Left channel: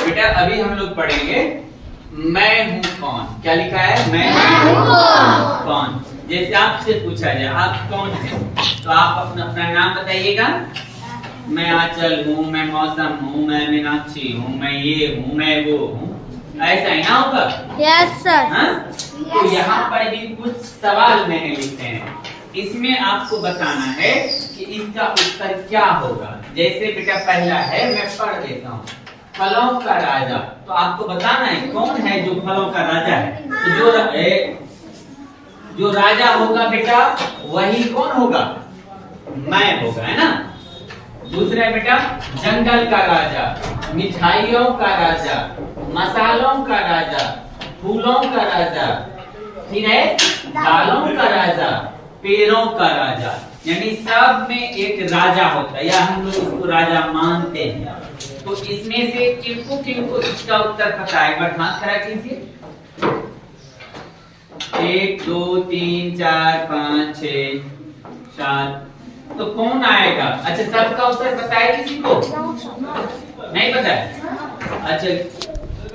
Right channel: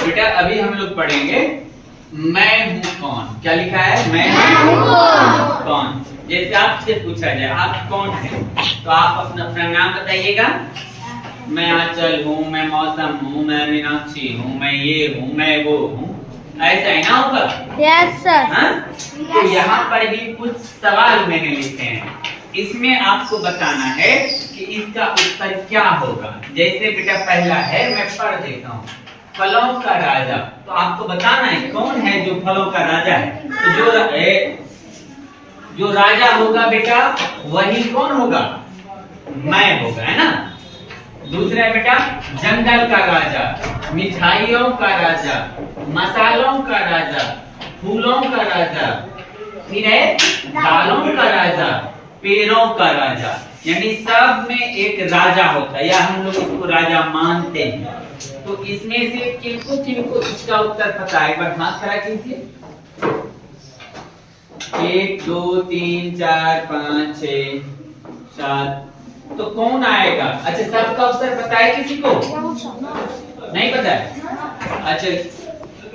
बेटा अभी हम लोग पढ़ेंगे मैं हूँ कौन। क्या लिखा है? मैं हूँ कौन। जैसे आपसे पूछा जाए आप कौन है, तो आप अपना अपना नाम बताइएगा। मैं आंचल हूँ, मैं मौसम हूँ, मैं मीनाक्षी हूँ, मैं ये हूँ, मैं वो हूँ। ऐसा है ना होगा? Yes sir. तो यहाँ पर भी कुछ सवाल मैंने लिखे हैं, इसमें आपको बताना है कि इसका उत्तर क्या होगा। जैसे बेटा पहला है, मैं पढ़ देता हूँ, फलों का राजा। तो आपको बताना है कौन है जो फलों का राजा है। तो जो राजा होगा बेटा वही कौन होगा? मैं होगा, है ना। दूसरा है बेटा जंगल का राजा, मिठाइयों का राजा, मसालों का राजा, फूलों का राजा, फिर है दालों का राजा, पेड़ों का राजा। यानी सब में एक राजा होता है, या हम लोग इसको राजा मानते हैं। तो इसमें से किनको इसका उत्तर पता है? एक बार हाथ खड़ा कीजिए। 1 2 3 4 5 6 7। तो कौन आएगा? अच्छा सबका उत्तर पता है किसी को? नहीं पता है? अच्छा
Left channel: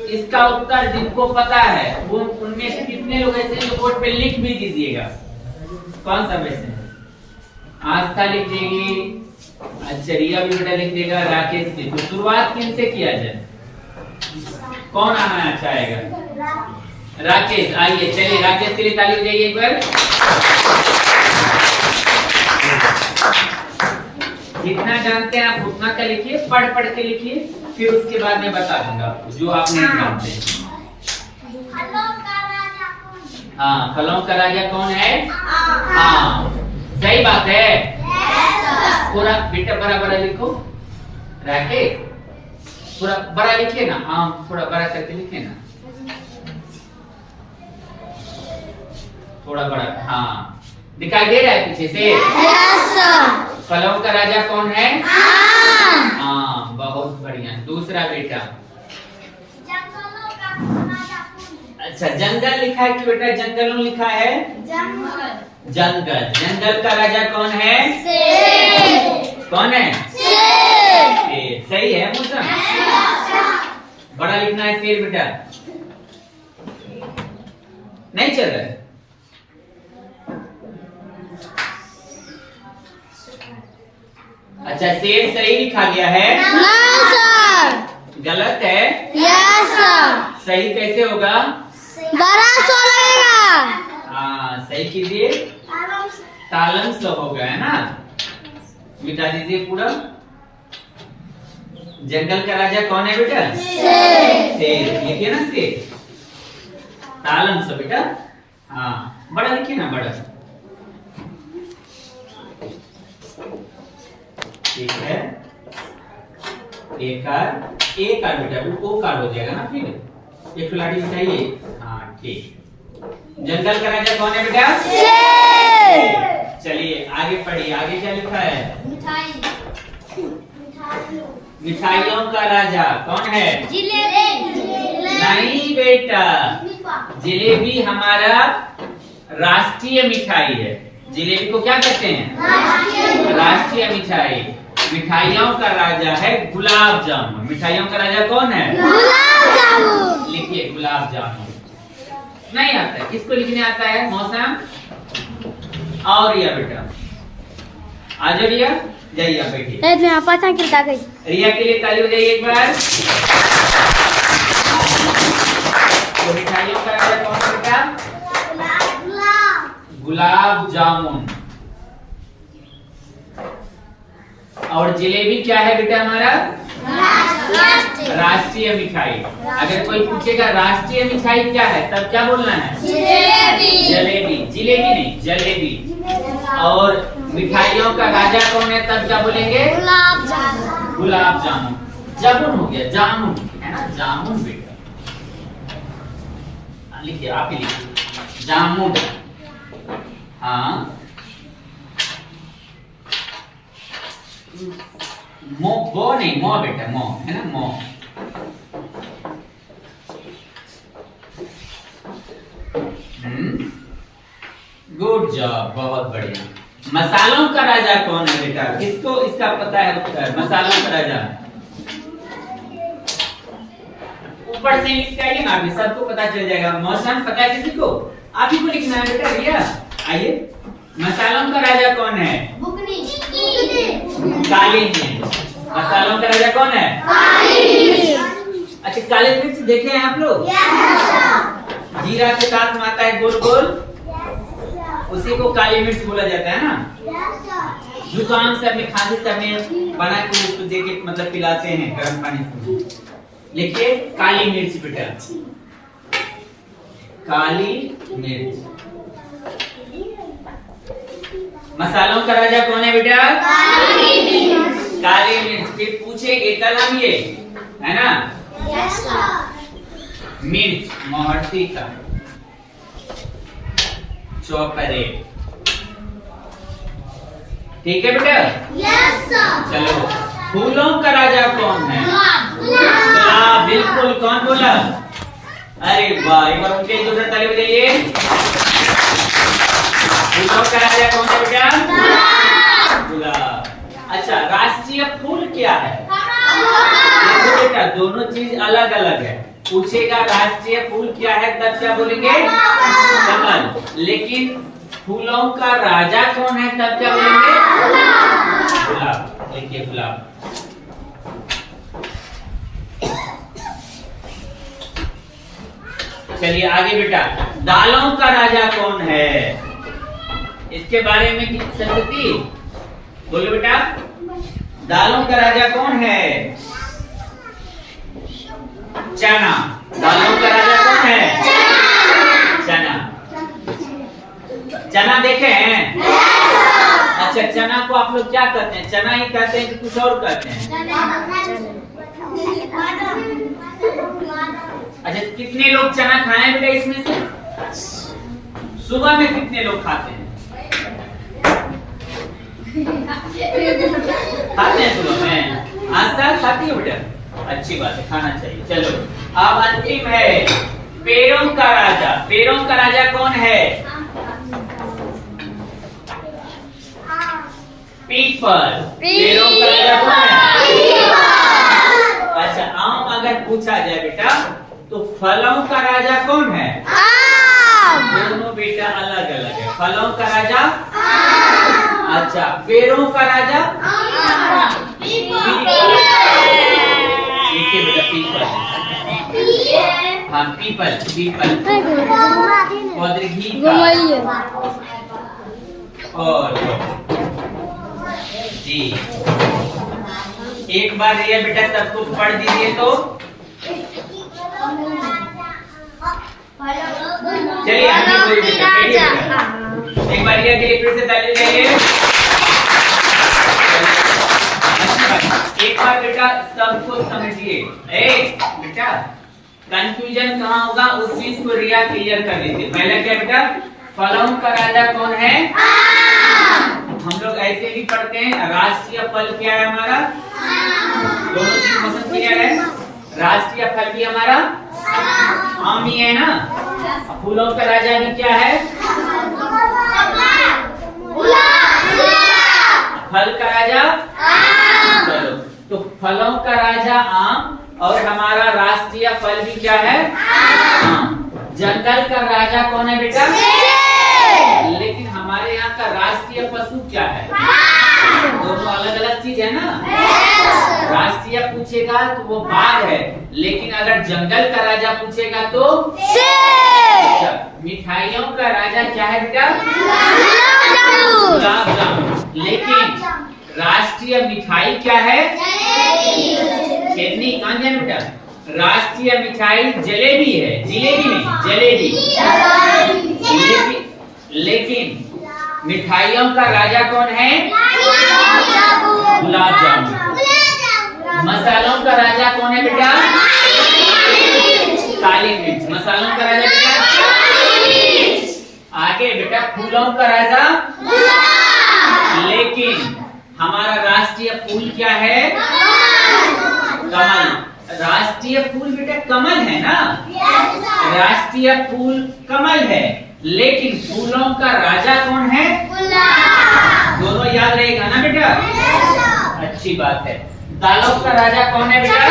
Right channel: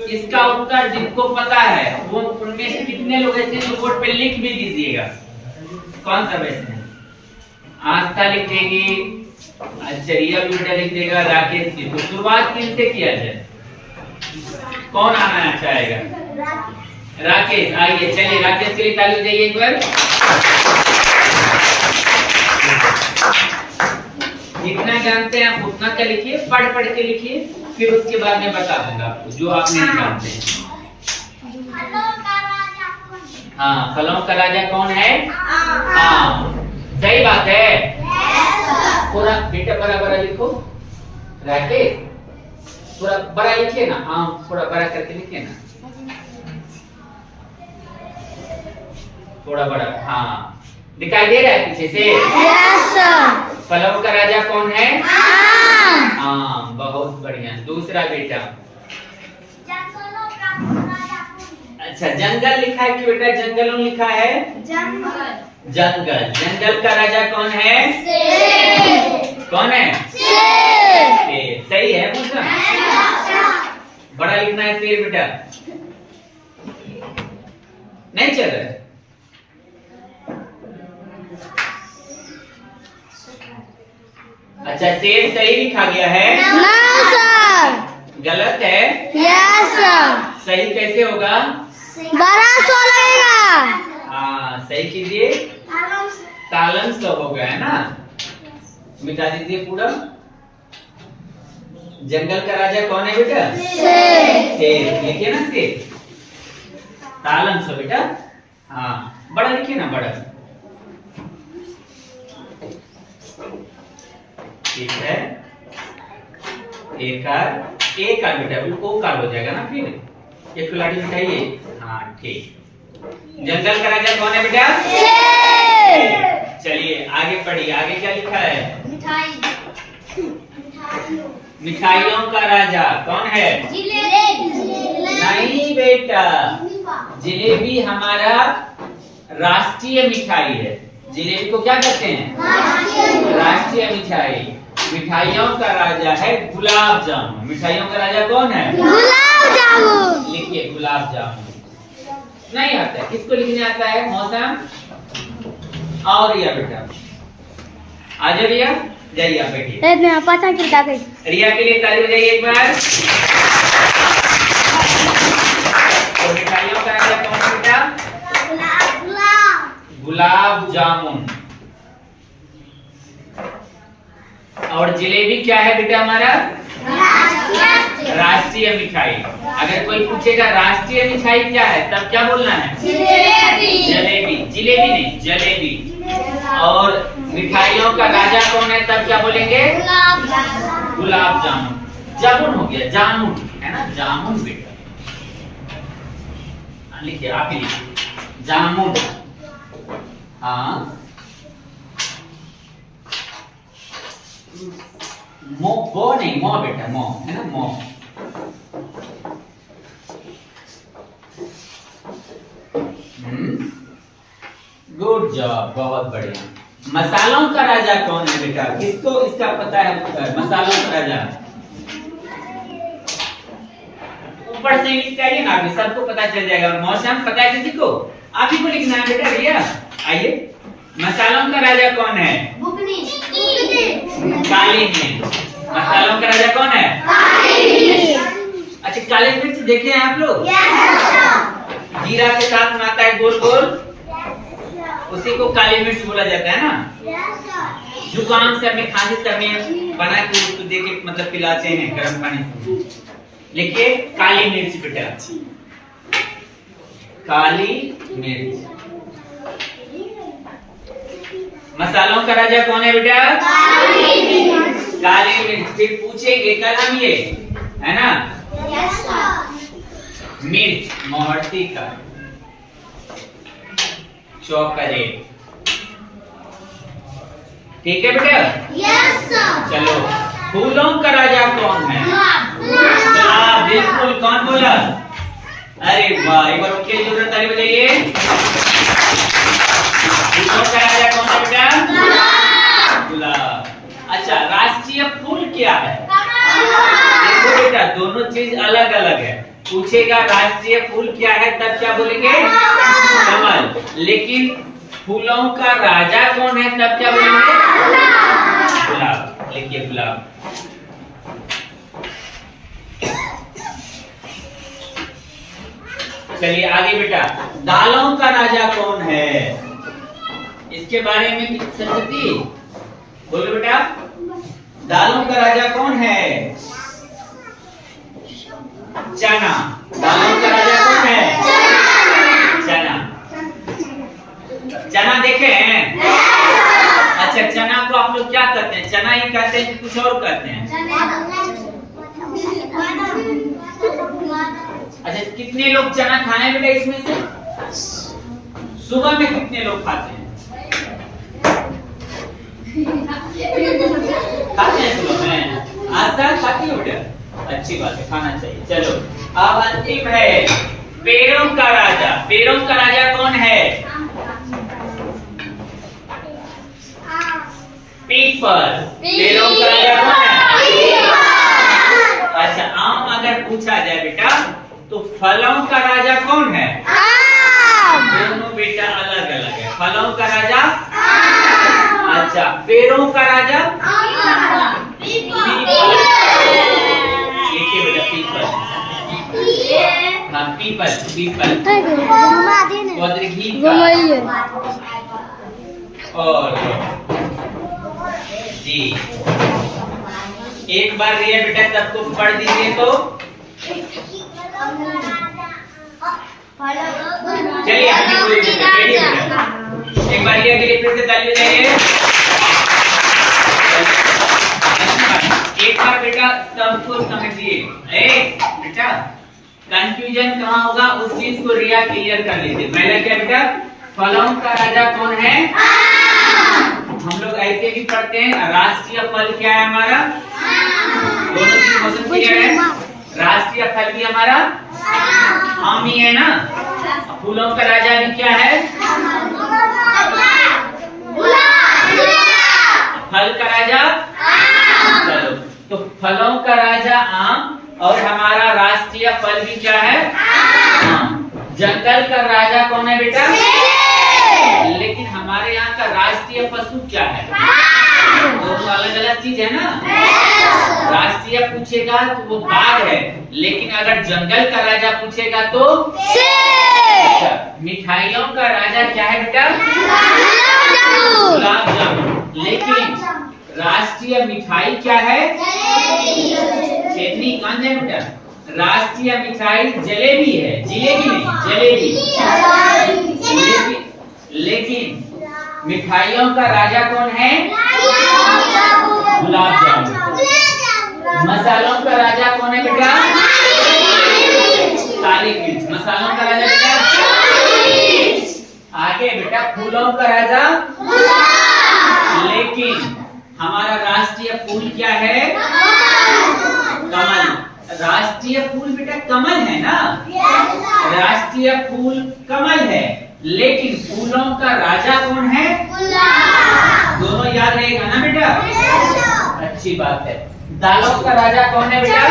इसका उत्तर जिनको पता है वो उनमें से कितने लोग ऐसे जो बोर्ड पे लिख भी दीजिएगा। कौन सा वैसे? आस्था लिख देंगे, अच्छा रिया भी बेटा लिख देगा, राकेश भी। तो शुरुआत किन से किया जाए? कौन आना चाहेगा? राकेश आइए, चलिए राकेश के लिए ताली बजाइए एक बार। जितना जानते हैं आप उतना क्या लिखिए, पढ़ पढ़ के लिखिए, फिर उसके बाद मैं बता दूंगा आपको जो आप नहीं जानते। हाँ फलों का राजा कौन है? हाँ सही बात है। पूरा बेटा बड़ा बड़ा लिखो राकेश, थोड़ा बड़ा लिखिए ना। हाँ थोड़ा बड़ा करके लिखिए ना, थोड़ा बड़ा। हाँ दिखाई दे रहा है पीछे से? Yes sir. फलों का राजा कौन है? हाँ बहुत बढ़िया। दूसरा बेटा अच्छा जंगल लिखा है कि बेटा जंगलों लिखा है? जंगल। जंगल का राजा कौन है? कौन है? शेर। सही है मौसम। बड़ा लिखना है शेर बेटा, नहीं चल रहा है। अच्छा शेर सही लिखा गया है? ना सर। गलत है? Yes sir. सही कैसे होगा? बड़ा सो लगेगा। हाँ सही कीजिए, तालन सो होगा, है ना। मिटा दीजिए पूरा। जंगल का राजा कौन है बेटा? शेर। लिखिए ना शेर, तालन सो बेटा। हाँ बड़ा लिखिए ना, बड़ा। ठीक है, एक कार बेटा, ओ कार हो जाएगा ना फिर। एक खिलाड़ी मिटाइए। हाँ ठीक। जंगल का राजा कौन है बेटा? चलिए आगे पढ़िए, आगे क्या लिखा है? मिठाइयों का राजा कौन है? नहीं बेटा, जलेबी हमारा राष्ट्रीय मिठाई है। जलेबी को क्या कहते हैं? राष्ट्रीय मिठाई। मिठाइयों का राजा है गुलाब जामुन। मिठाइयों का राजा कौन है? गुलाब जामुन। लिखिए गुलाब जामुन। नहीं आता है, किसको लिखने आता है? मौसम और रिया बेटा। आ जाओ रिया, जाइए आप बैठिए। रिया के लिए ताली बजाइए एक बार। तो मिठाइयों का राजा कौन है बेटा? गुलाब जामुन। और जलेबी क्या है बेटा हमारा? राष्ट्रीय मिठाई। अगर कोई पूछेगा राष्ट्रीय मिठाई क्या है, तब क्या बोलना है? जलेबी। जलेबी नहीं, जलेबी। और मिठाइयों का राजा कौन है, तब क्या बोलेंगे? गुलाब जामुन। जामुन हो गया, जामुन है ना, जामुन बेटा। लिखिए, आप ही लिखिए, जामुन। हाँ मो, गो नहीं, मो बेटा, मो है ना, मो। गुड जॉब, बहुत बढ़िया। मसालों का राजा कौन है बेटा? किसको इसका पता है उत्तर? मसालों का राजा ऊपर से लिख के आइए ना, अभी सबको पता चल जाएगा। मौसम पता है किसी को? आप ही को लिखना है बेटा। भैया आइए, मसालों का राजा कौन है? काली मिर्च। मसालों का राजा कौन है? अच्छा, काली मिर्च देखे हैं आप लोग? जीरा के साथ में आता है गोल गोल, उसी को काली मिर्च बोला जाता है ना। जुकाम से हमें, खांसी से हमें बना के उसको दे के मतलब पिलाते हैं गर्म पानी से। लिखिए काली मिर्च बेटा, काली मिर्च। मसालों का राजा कौन है बेटा? काली मिर्च। फिर पूछेंगे कलम ये है ना, मिर्च मोहर्ती का, चॉकलेट। ठीक है बेटा? चलो, फूलों का राजा कौन है? गुलाब। बिल्कुल, कौन बोला? अरे वाह, एक बार उनके लिए जोरदार ताली बजाइए। फूलों का राजा कौन है बेटा? गुलाब। अच्छा, राष्ट्रीय फूल क्या है? देखो बेटा, दोनों चीज अलग अलग है। पूछेगा राष्ट्रीय फूल क्या है, तब क्या बोलेंगे? कमल। लेकिन फूलों का राजा कौन है, तब क्या बोलेंगे? गुलाब। लिखिए गुलाब। चलिए आगे बेटा, दालों का राजा कौन है? इसके बारे में संगति बोलो बेटा। दालों का राजा कौन है? चना। दालों का राजा कौन है? चना। चना देखे हैं? अच्छा, चना को आप लोग क्या कहते हैं? चना ही कहते हैं कि कुछ और कहते हैं? अच्छा, कितने लोग चना खाए बेटा इसमें से? सुबह में कितने लोग खाते हैं? खाते हैं सुबह में? आज तक खाती हो बेटा? अच्छी बात है, खाना चाहिए। चलो, अब अंतिम है पेड़ों का राजा। पेड़ों का राजा कौन है? पीपल। पेड़ों का राजा कौन है? अच्छा, आम अगर पूछा जाए बेटा, तो फलों का राजा कौन है? दोनों बेटा अलग अलग है। फलों का राजा? अच्छा, पेड़ों का राजा? लिखिए बेटा पीपल। हाँ, पीपल। पीपल और जी, एक बार ये बेटा सबको पढ़ दीजिए तो। चलिए हमें पूरी बेटा, एक बार ये के लिए फिर से ताली बजाइए। एक बार बेटा सबको समझिए। बेटा कंफ्यूजन कहाँ होगा, उस चीज को रिया क्लियर कर लीजिए। पहले क्या बेटा, फलों का राजा कौन है? हम लोग ऐसे भी पढ़ते हैं, राष्ट्रीय फल क्या है हमारा? दोनों चीज क्वेश्चन क्लियर है। राष्ट्रीय फल भी हमारा आम ही है ना। फूलों का राजा भी क्या है? फल का राजा? चलो, तो फलों का राजा आम और हमारा राष्ट्रीय फल भी क्या है? आम। जंगल का राजा कौन है बेटा? लेकिन हमारे यहाँ का राष्ट्रीय पशु क्या है? दोनों अलग अलग चीज है ना। राष्ट्रीय पूछेगा तो वो बाघ है, लेकिन अगर जंगल का राजा पूछेगा तो अच्छा, मिठाइयों का राजा क्या है बेटा? गुलाब जामुन। लेकिन राष्ट्रीय मिठाई क्या है? छेदनी। कौन है बेटा? राष्ट्रीय मिठाई जलेबी है। जिलेबी नहीं, जलेबी। लेकिन मिठाइयों का राजा कौन है? गुलाब जामुन। मसालों का राजा कौन है बेटा? काली मिर्च। मसालों का राजा बेटा? आगे बेटा फूलों का राजा? लेकिन हमारा राष्ट्रीय फूल क्या है? कमल। राष्ट्रीय फूल बेटा कमल है ना। राष्ट्रीय फूल कमल है, लेकिन फूलों का राजा कौन है? दोनों याद रहेगा ना बेटा? अच्छी बात है। दालों का राजा कौन है बेटा?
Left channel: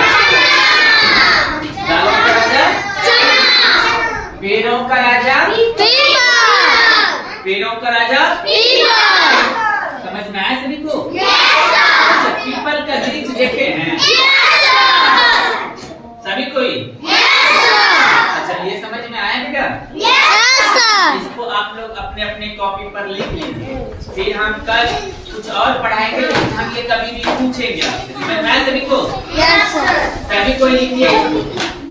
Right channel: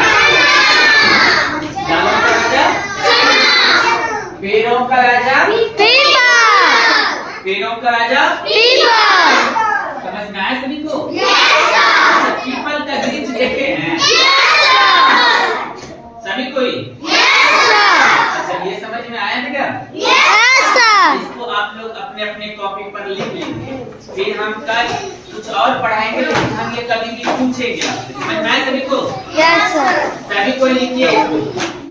दालों का राजा पेड़ों का राजा, पीपल पेड़ों का राजा। पीपल समझ में आया सभी को? अच्छा, पीपल का वृक्ष देखे हैं सभी कोई? अच्छा, ये समझ में आया क्या? इसको आप लोग अपने अपने कॉपी पर लिख लीजिए, फिर हम कल कुछ और पढ़ाएंगे, लेकिन हम ये कभी भी पूछेंगे आपसे। समझ में आया सभी को? Yes sir. सभी कोई लिखिए इसको।